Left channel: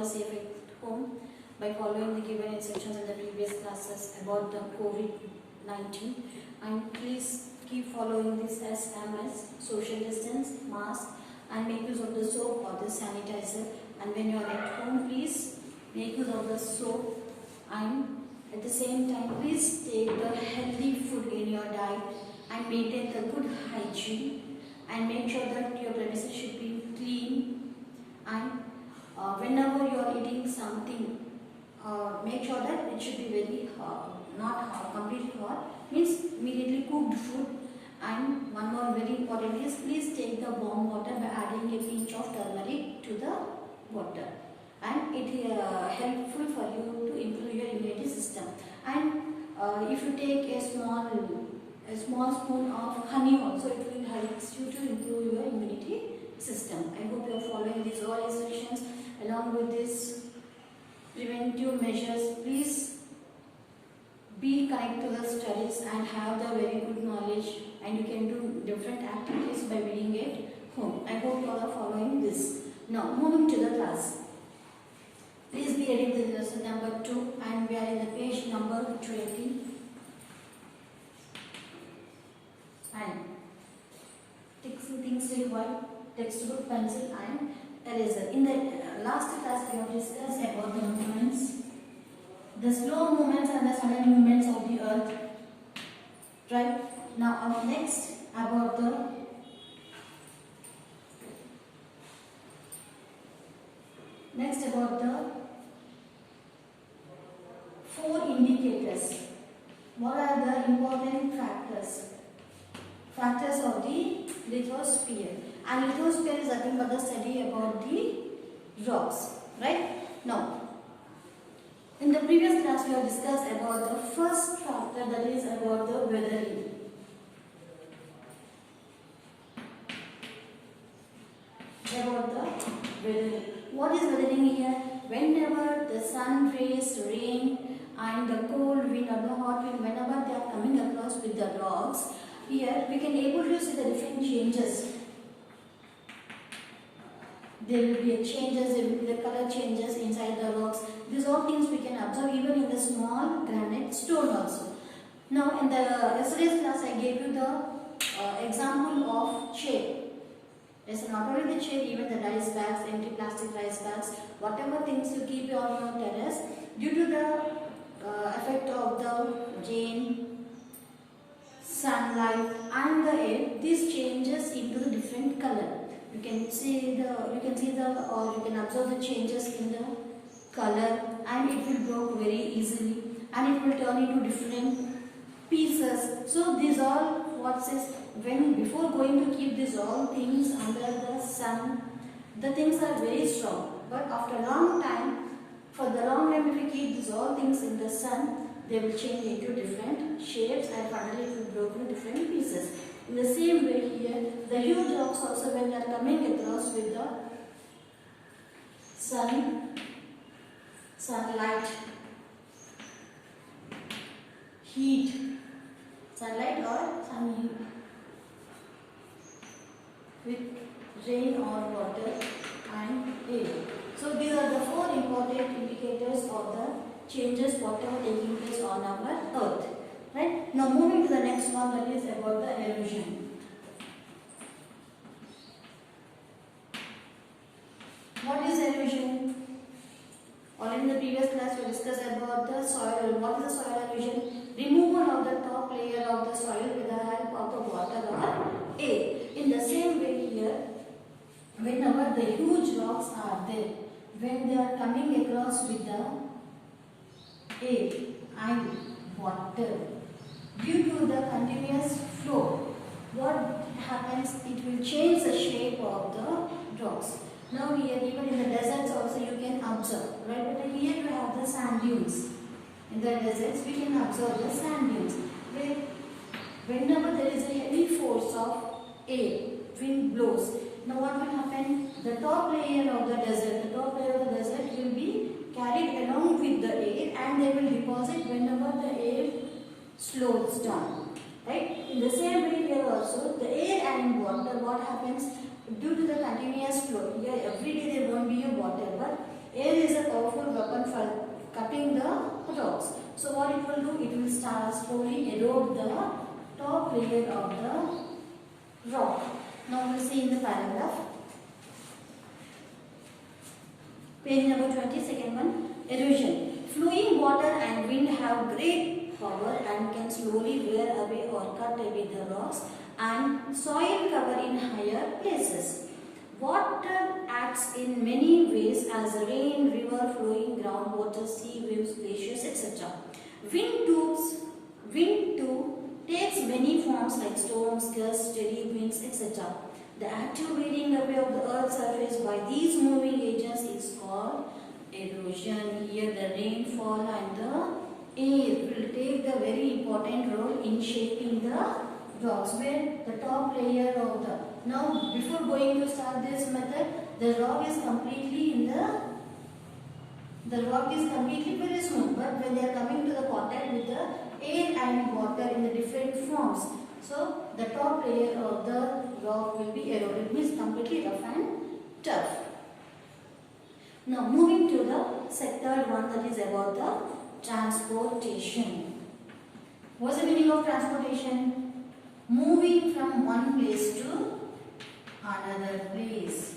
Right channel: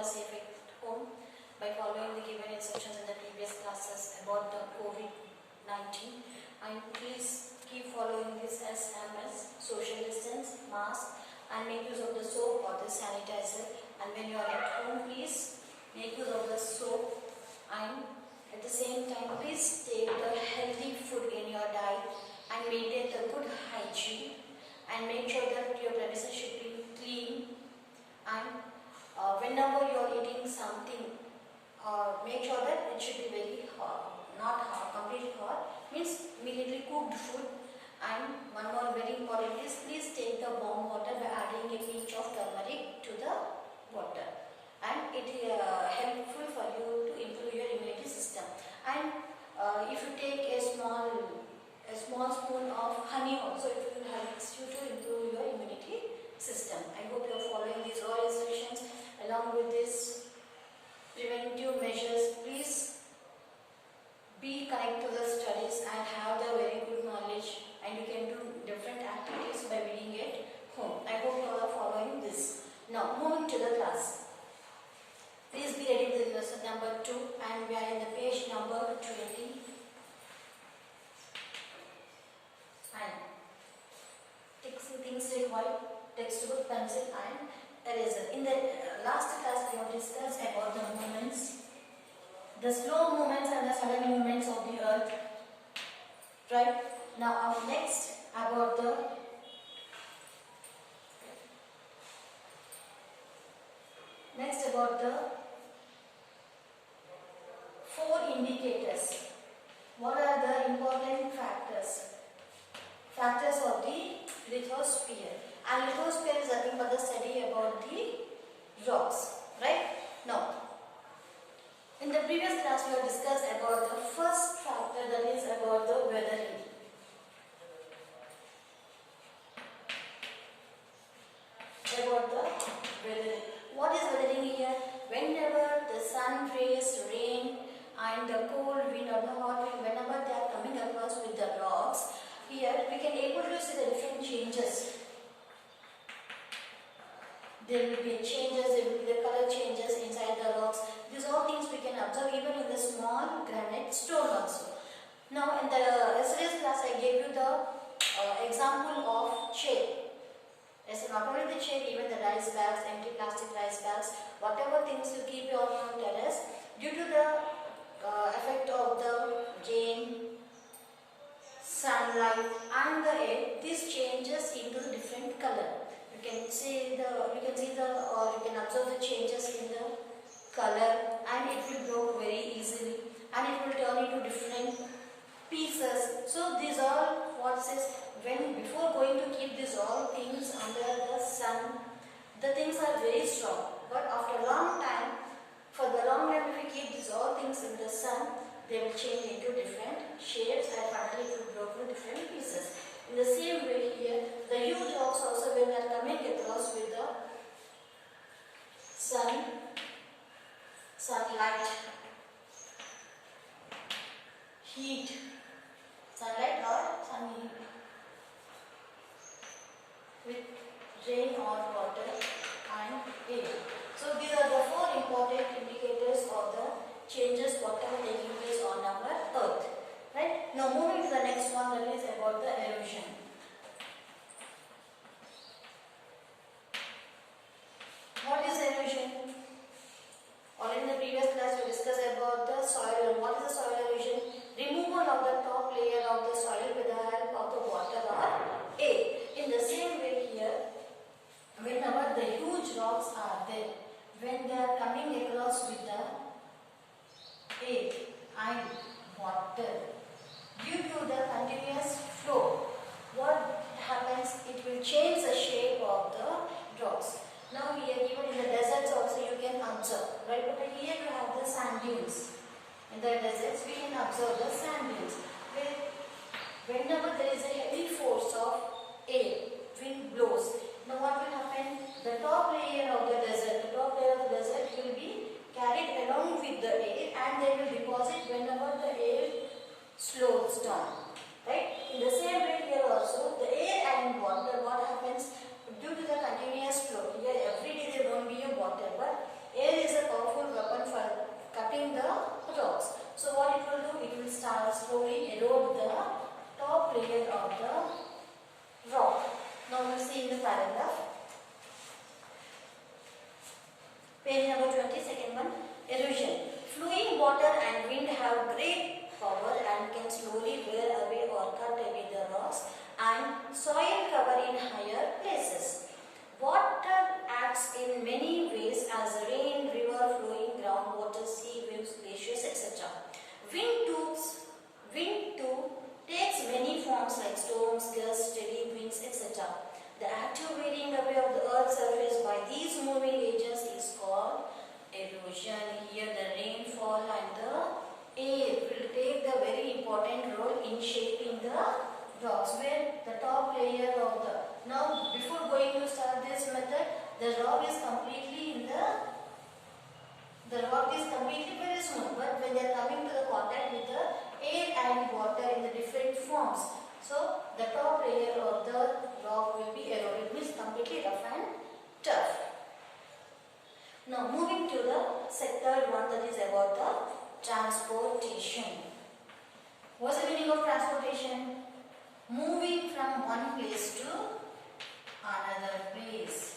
all are safe at home by following the given instructions in the previous classes about the COVID-19. And please keep following this SMS, social distance, mask, and make use of the soap or the sanitizer. And when you are at home, please make use of the soap, and at the same time please take the healthy food in your diet and maintain the good hygiene, and make sure that your premises should be clean. And whenever you are eating something, make sure that it should be very hot, not hot, completely hot, means immediately cooked food. And one more very important is, please take the warm water by adding a pinch of turmeric to the water, and it is helpful for you to improve your immunity system. And if you take a small spoon of honey also, it will help you to improve your immunity system. I hope you are following these all instructions. Along with this preventive measures, please be connected to the studies and have the very good knowledge, and you can do different activities by being at home. I hope you all are following this. Now moving to the class. Please be ready with lesson number 2, and we are in the page number 20. And things required: textbook, pencil, and eraser. In the last class, we have discussed about the movements, the slow movements and the sudden movements of the earth. Right? Now, next about the four indicators. What are the important factors? Factors of the lithosphere. And lithosphere is nothing but the study about the rocks. Right? Now, in the previous class we have discussed about the first factor, that is about the weathering. About the weathering. What is weathering here? Whenever the sun rays, rain, and the cold wind or the hot wind, whenever they are coming across with the rocks, here we can able to see the different changes. There will be changes, there will be the color changes inside the rocks. These all things we can observe even in the small granite stone also. Now in the yesterday's class I gave you the example of shade. It's not only the shade, even the rice bags, empty plastic rice bags, whatever things you keep on your terrace, due to the effect of the rain, sunlight and the air, this changes into different color. You can observe the changes in the color, and it will broke very easily, and it will turn into different pieces. So these all what says, when before going to keep these all things under the sun, the things are very strong, but after a long time, for the long time, if we keep these all things in the sun, they will change into different shapes, and finally it will broke into different pieces. In the same way here, the huge rocks also, when they are coming across with the sunlight, heat, sunlight or sun heat, with rain or water and air. So these are the four important indicators of the changes whatever taking place on our earth. Right? Now moving to the next one, that is about the erosion. What is erosion? Already in the previous class we discussed about the soil. What is the soil erosion? Removal of the top layer of the soil with the help of the water or air. In the same way here, whenever the huge rocks are there, when they are coming across with the air and water, due to the continuous flow, what happens? It will change the shape of the rocks. Now here, even in the deserts also you can observe, right? But here you have the sand dunes. In the deserts we can observe the sand dunes, where whenever there is a heavy force of air, wind blows. Now what will happen? The top layer of the desert will be carried along with the air, and they will deposit whenever the air slows down. Right? In the same way here also, the air and water, what happens? Due to the continuous flow, here every day there won't be a water, but Air is a powerful weapon for cutting the rocks. So what it will do? It will start slowly erode the top layer of the rock. Now we will see in the paragraph. Page number 20, second one. Erosion. Flowing water and wind have great power and can slowly wear away or cut away the rocks and soil cover in higher places. Water acts in many ways as rain, river, flowing groundwater, sea waves, glaciers, etc. Wind too takes many forms like storms, gusts, steady winds, etc. The active wearing away of the earth's surface by these moving agents is called erosion. Here the rainfall and the air will take the very important role in shaping the rocks, where the top layer of the, now before going to start this method, the rock is completely very smooth, but when they are coming to the contact with the air and water in the different forms, so the top layer of the rock will be eroded, means completely rough and tough. Now moving to the third one, that is about the transportation. What's the meaning of transportation? Moving from one place to another place.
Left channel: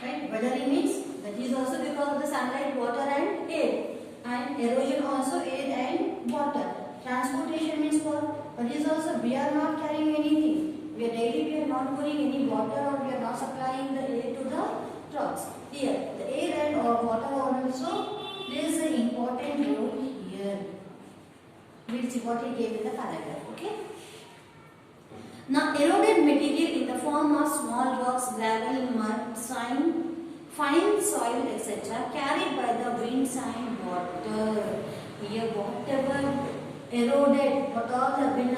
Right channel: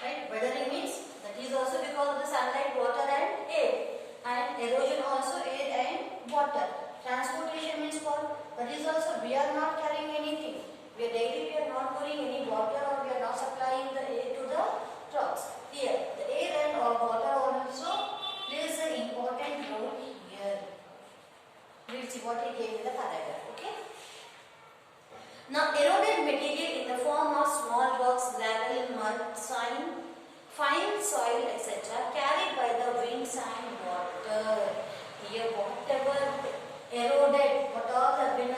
Right? Weathering means that is also because of the sunlight, water and air. And erosion also air and water. Transportation means what? That is also we are not carrying anything. We are not putting any water, or we are not supplying the air to the rocks. Here, the air and water also plays an important role here. We will see what he gave in the paragraph. Okay. Now, eroded material in the form of small rocks, gravel, mud, fine soil, etc., carried by the winds and water. Here, whatever eroded, what all have been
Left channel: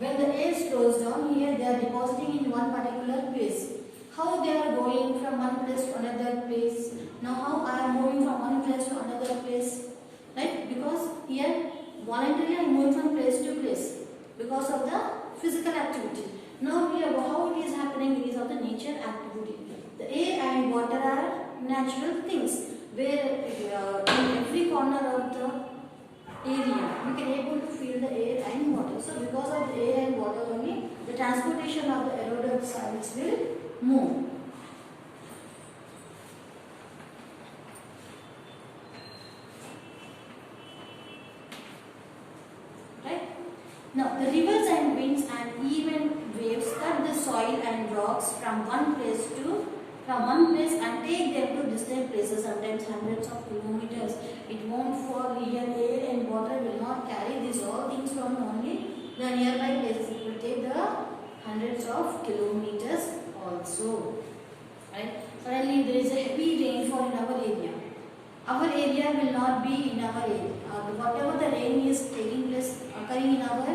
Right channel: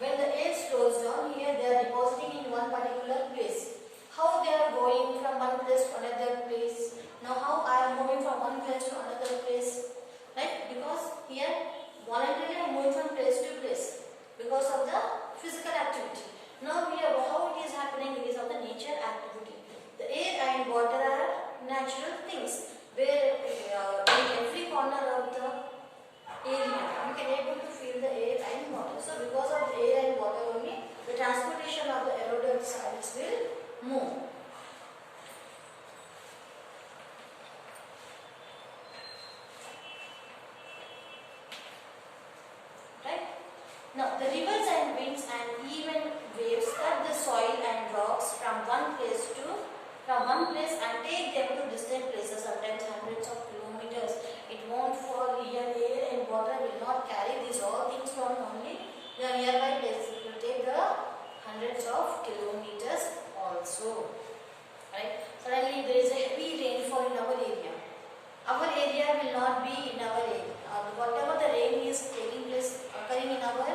when the air slows down, here they are depositing in one particular place. How they are going from one place to another place? Now, how I am moving from one place to another place? Right? Because here voluntarily I am moving from place to place because of the physical activity. Now here how it is happening? It is of the nature activity. The air and water are natural things where in every corner of the area you can able to feel the air and water. So because of the air and water only, the transportation of the eroded soils will move. Right? Now the rivers and winds and even waves cut the soil and rocks from one place and take them to distant places, sometimes hundreds of kilometers. It won't fall here. Air and water will not carry these all things from only the nearby places. It will take the hundreds of kilometers also. Right? Suddenly there is a heavy rainfall in our area. Our area will not be in our area. Whatever the rain is taking place, occurring in our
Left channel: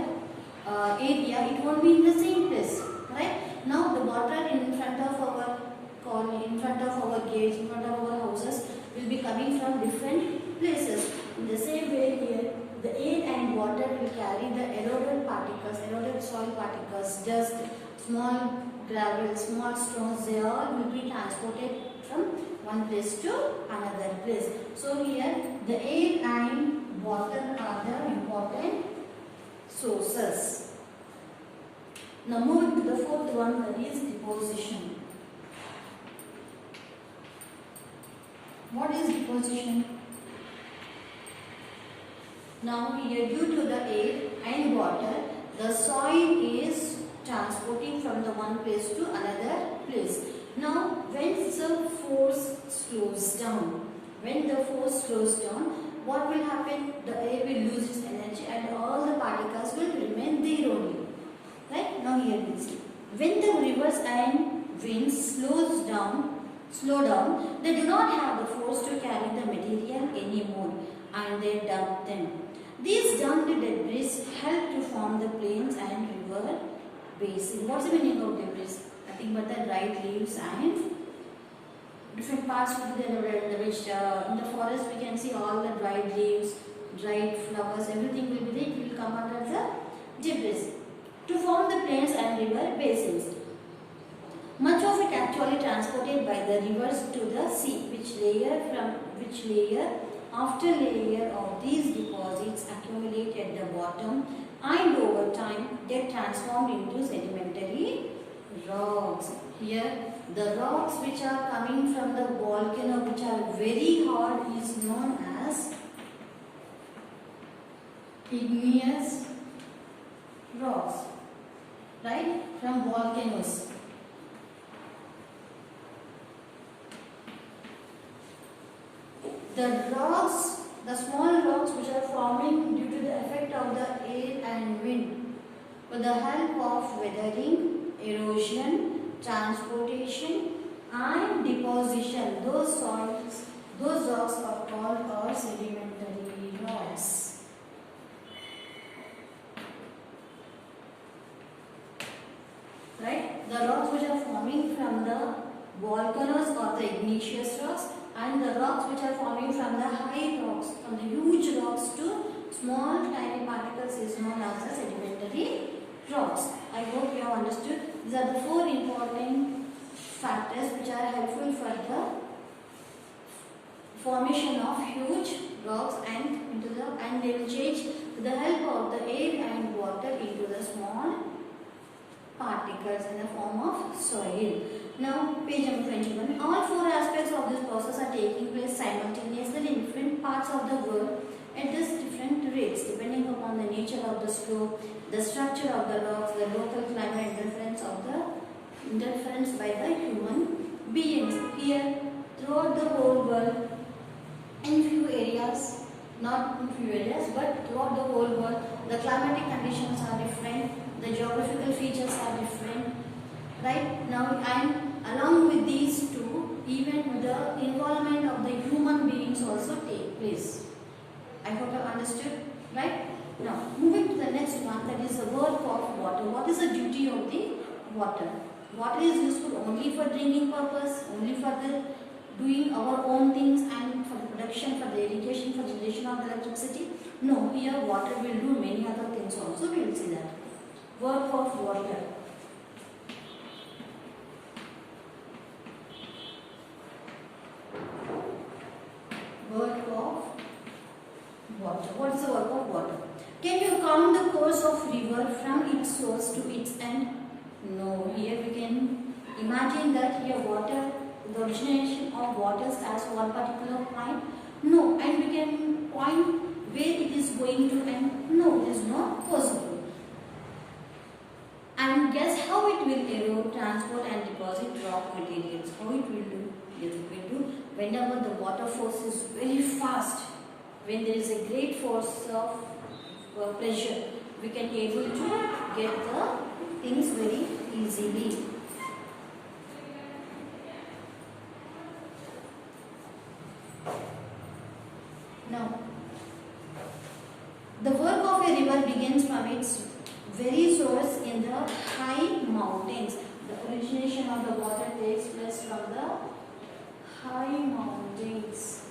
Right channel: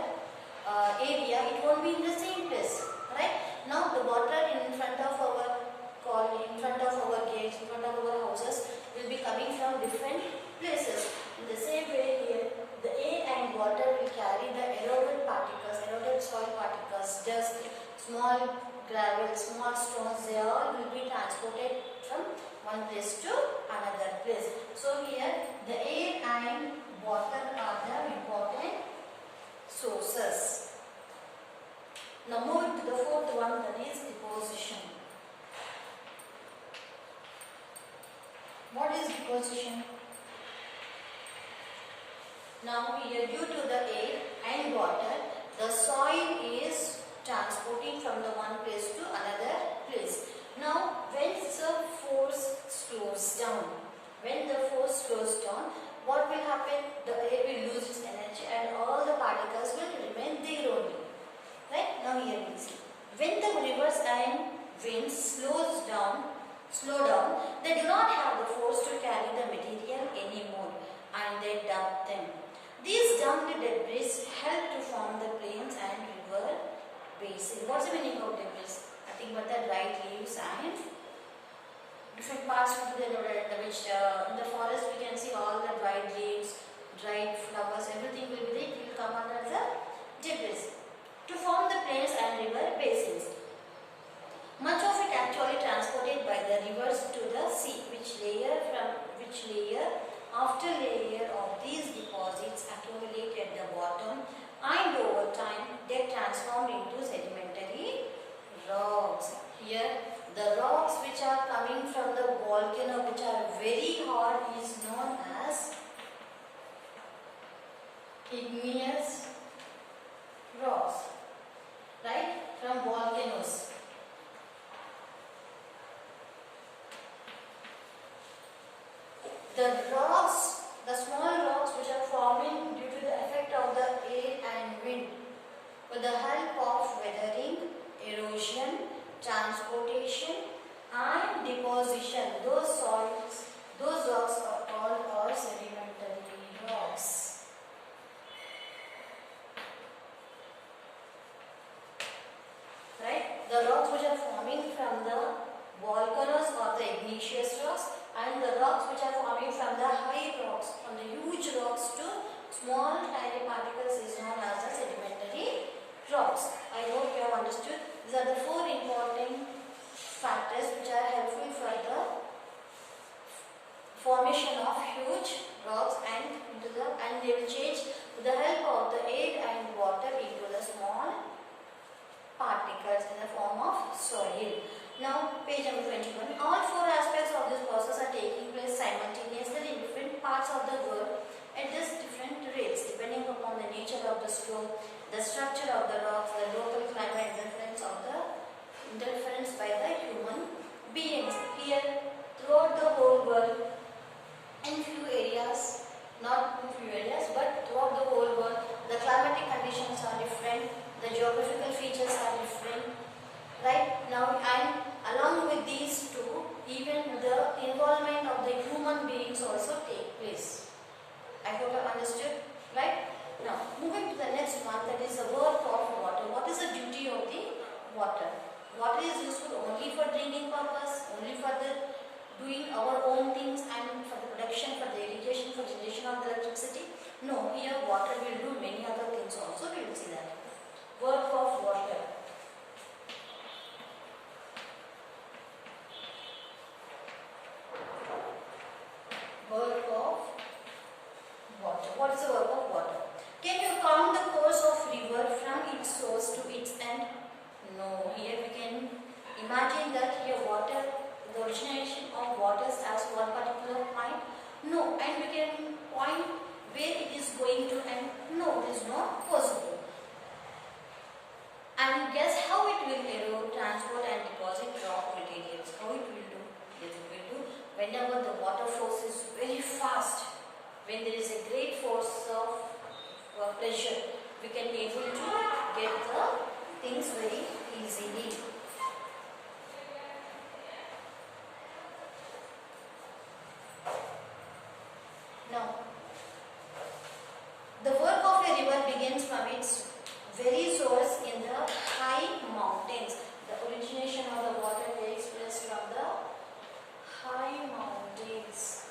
area, it won't be in the same place. Right? Now the water in front of our colony, in front of our gates, in front of our houses will be coming from different places. In the same way here, the air and water will carry the eroded particles, eroded soil particles, dust, small gravel, small stones, they all will be transported from one place to another place. So here the air and water are the important sources. Now moving to the fourth one, that is deposition. What is deposition? Now here, due to the air and water, the soil is transporting from the one place to another place. Now when the force slows down, what will happen? The air will lose its energy and all the particles will remain there only. Right? Now here we see. When the rivers and winds slow down, they do not have the force to carry the material anymore and they dump them. These dumped debris help to form the plains and river basin. What's the meaning of debris? Nothing but the dried leaves and different parts of the in the forest we can see all the dried leaves, dried flowers, everything will be there. It will come under the debris to form the plains and river basins. Much of it actually transported by the rivers to the sea, which layer after layer of these deposits accumulate at the bottom, and over time they transformed into sedimentary rocks. Here the rocks which are coming from the volcano, which are very hard, is known as igneous rocks, right, from volcanoes. The rocks, the small rocks which are forming due to the effect of the air and wind, with the help of weathering, erosion, transportation and deposition, those rocks are called our sedimentary rocks. Right? The rocks which are forming from the volcanoes or the igneous rocks, and the rocks which are forming from the high rocks, from the huge rocks to small tiny particles, is known as the sedimentary rocks. I hope you have understood. These are the 4 important factors which are helpful for the formation of huge rocks, and they will change with the help of the air and water into the small particles in the form of soil. Now, page number 21. All 4 aspects of this process are taking place simultaneously in different parts of the world at different rates, depending upon the nature of the stroke, the structure of the rocks, the local climate, interference by the human beings. Here, throughout the whole world, in few areas, not in few areas, but throughout the whole world, the climatic conditions are different, the geographical features are different. Right now, and along with these two, even the involvement of the human beings also take place. I hope you have understood. Right? Now, moving to the next one, that is the work of water. What is the duty of the water? Water is useful only for drinking purpose, only for the doing our own things, and for the production, for the irrigation, for generation of the electricity. No, here water will do many other things also. We will see that. Work of water. Work of water. What is the work of water? Can you count the course of river from its source to its end? No. Here we can imagine that here water, the origination of waters as one particular point. No. And we can point where it is going to end. No, it is not possible. And guess how it will erode, transport and deposit rock materials. How it will do? Yes, it will do whenever the water force is very fast. When there is a great force of pressure, we can able to get the things very easily. Now, the work of a river begins from its very source in the high mountains. The origination of the water takes place from the high mountains.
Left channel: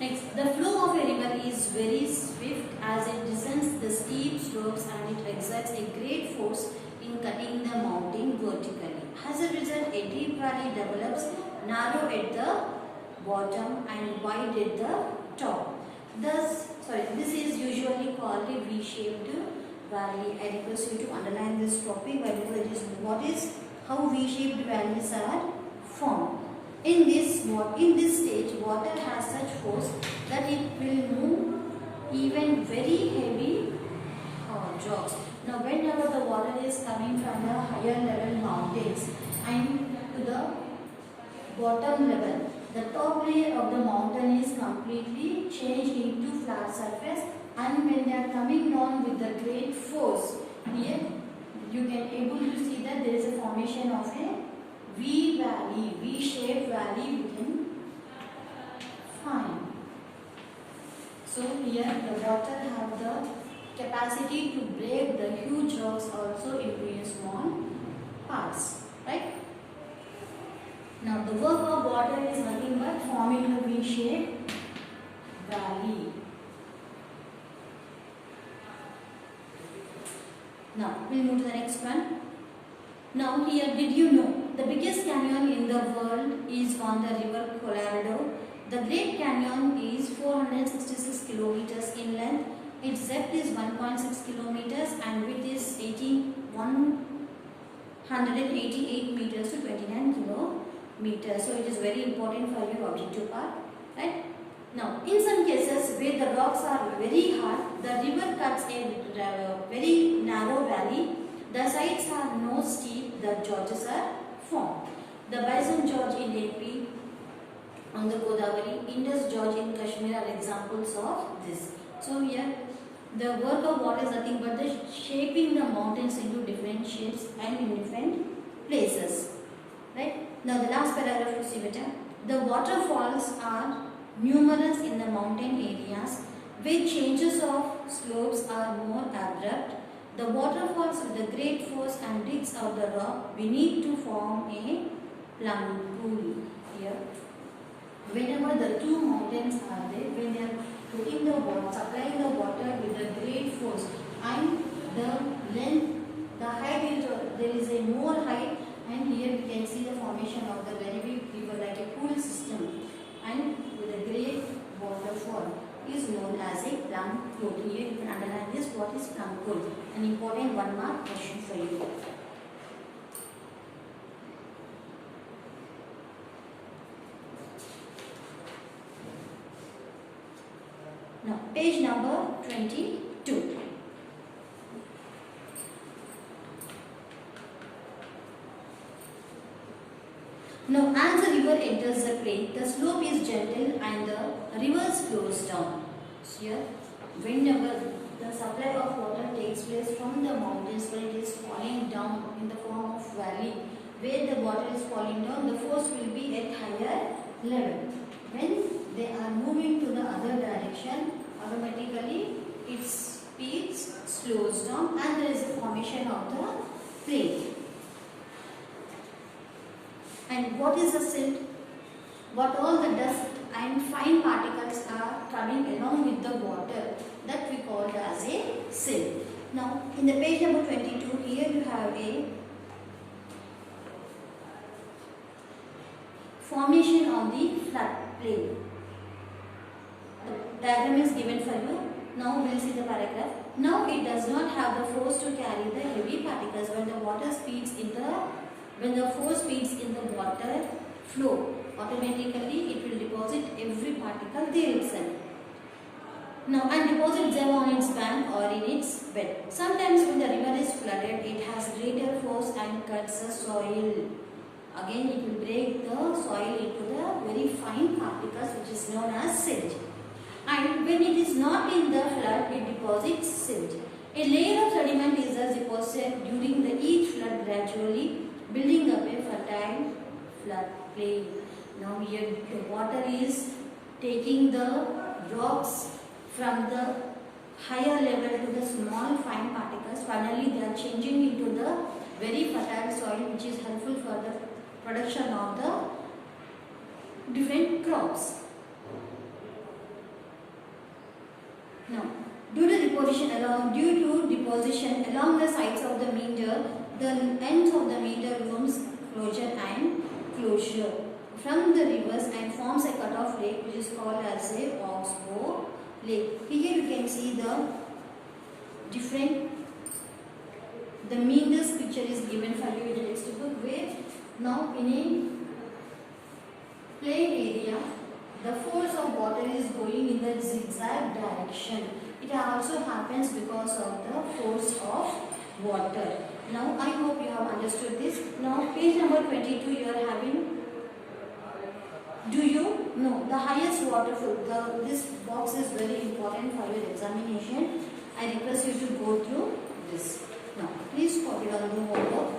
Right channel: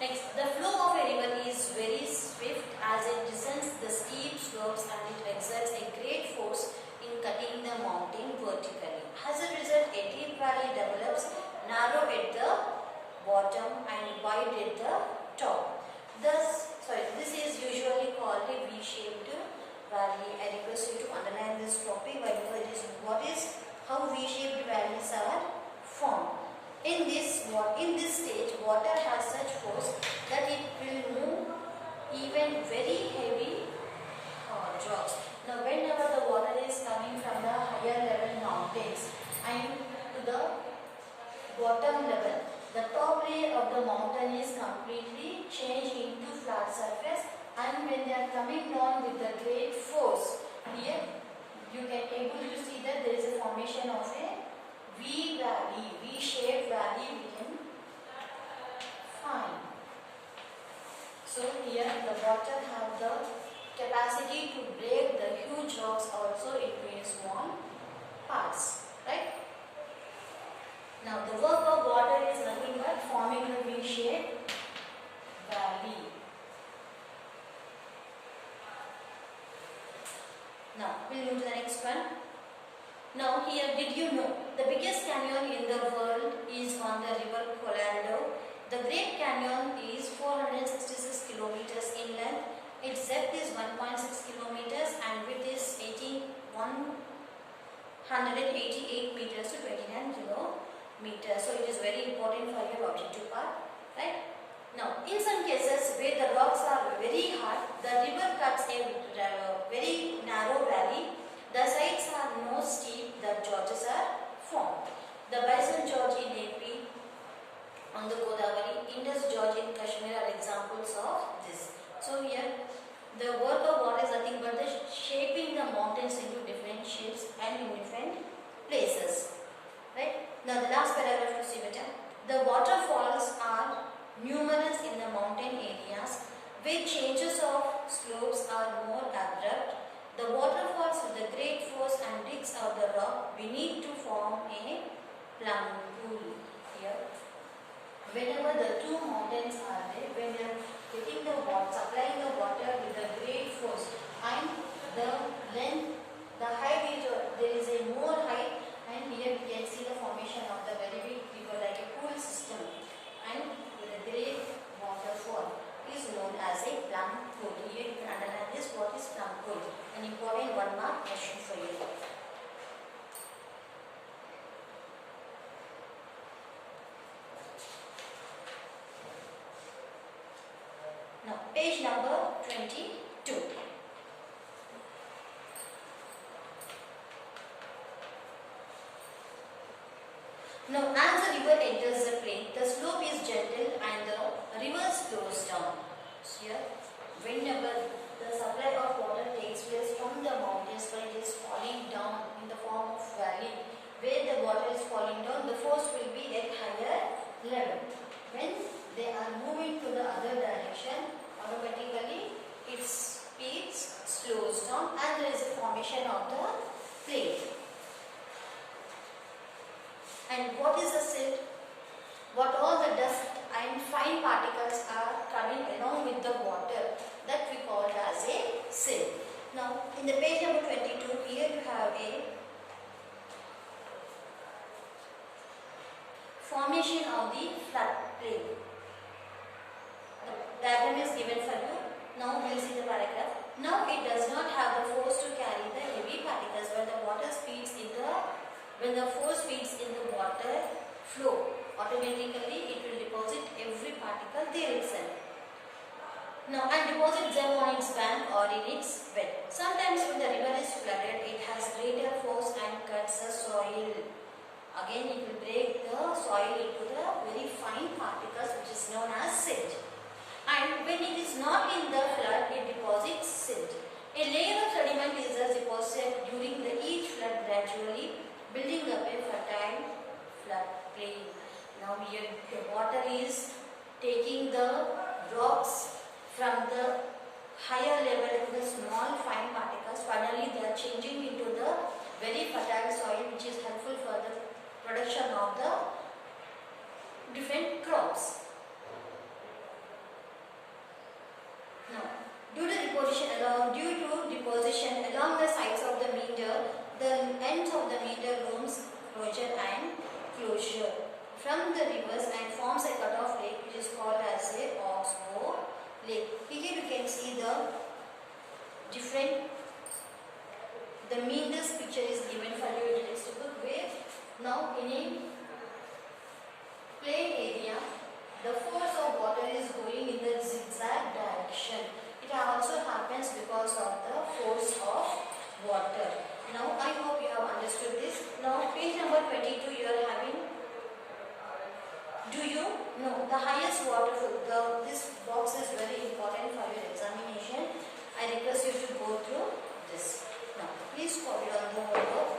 Next, the flow of a river is very swift as it descends the steep slopes, and it exerts a great force in cutting the mountain vertically. As a result, a deep valley develops, narrow at the bottom and wide at the top. This is usually called a V-shaped valley. I request you to underline this topic because how V-shaped valleys are formed. In this stage, water has such force that it will move even very heavy rocks. Now, whenever the water is coming from the higher level mountains and to the bottom level, the top layer of the mountain is completely changed into flat surface, and when they are coming down with the great force, here you can able to see that there is a formation of a V-shaped valley we can find. So here the water have the capacity to break the huge rocks also into a small parts, right? Now the work of water is nothing but forming a V-shaped valley. Now we'll move to the next one. Now here, did you know the biggest canyon in the world is on the river Colorado? The Great Canyon is 466 kilometers in length. Its depth is 1.6 kilometers and width is 188 meters to 29 kilometers. So it is very important for your objective part, right? Now, in some cases where the rocks are very hard, the river cuts a very narrow valley. The sides are no steep, the gorges are formed. The Bison Gorge in AP on the Godavari, Indus Gorge in Kashmir are examples of this. So here, the work of water is nothing but the shaping the mountains into different shapes and in different places. Right? Now the last paragraph to see better. The waterfalls are numerous in the mountain areas where changes of slopes are more abrupt. The waterfalls with the great force and digs out the rock beneath to form a plum pool. Here, whenever the two mountains are there, when they are getting the water, supplying the water with a great force, and the length, the height is, there is a more height, and here we can see the formation of the very big river like a pool system, and with a great waterfall is known as a plum pool. Here you can underline this, what is plum pool, an important 1 mark question for you. Now page number 22. Now as the river enters the plain, the slope is gentle and the river slows down. So here, whenever the supply of water takes place from the mountains where it is falling down in the form of valley, where the water is falling down, the force will be at higher level. When they are moving to the other direction, automatically its speed slows down and there is a formation of the plain. And what is the silt? What all the dust and fine particles are coming along with the water, that we call it as a silt. Now in the page number 22, here you have a formation of the floodplain. The diagram is given for you. Now we will see the paragraph. Now it does not have the force to carry the heavy particles when the force speeds in the water flow. Automatically it will deposit every particle there itself. Now and deposit them on its bank or in its bed. Sometimes when the river is flooded, it has greater force and cuts the soil. Again it will break the soil into the very fine particles which is known as silt. And when it is not in the flood, it deposits silt. A layer of sediment is thus deposited during each flood, gradually building up a fertile flood plain. Now here the water is taking the rocks from the higher level to the small fine particles. Finally they are changing into the very fertile soil which is helpful for the production of the different crops. Now, due to deposition along the sides of the meander, the ends of the meander rooms closure and closure from the rivers and forms a cut-off lake which is called as a oxbow lake. Here you can see the meanders picture is given for you in the textbook, where now in a plain area, the force of water is going in the zigzag direction. It also happens because of the force of water. Now I hope you have understood this. Now page number 22 you are having, do you know the highest waterfall? This box is very important for your examination. I request you to go through this. Now please copy on the homework.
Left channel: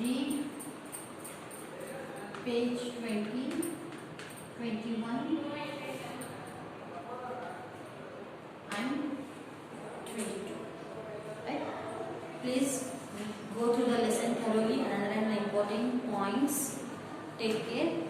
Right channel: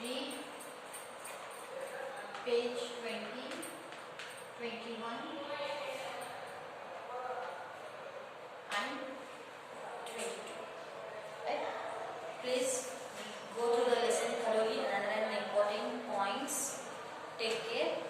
Read page 20, 21 and 22. Right? Go through the lesson thoroughly and underline the important points. Take care.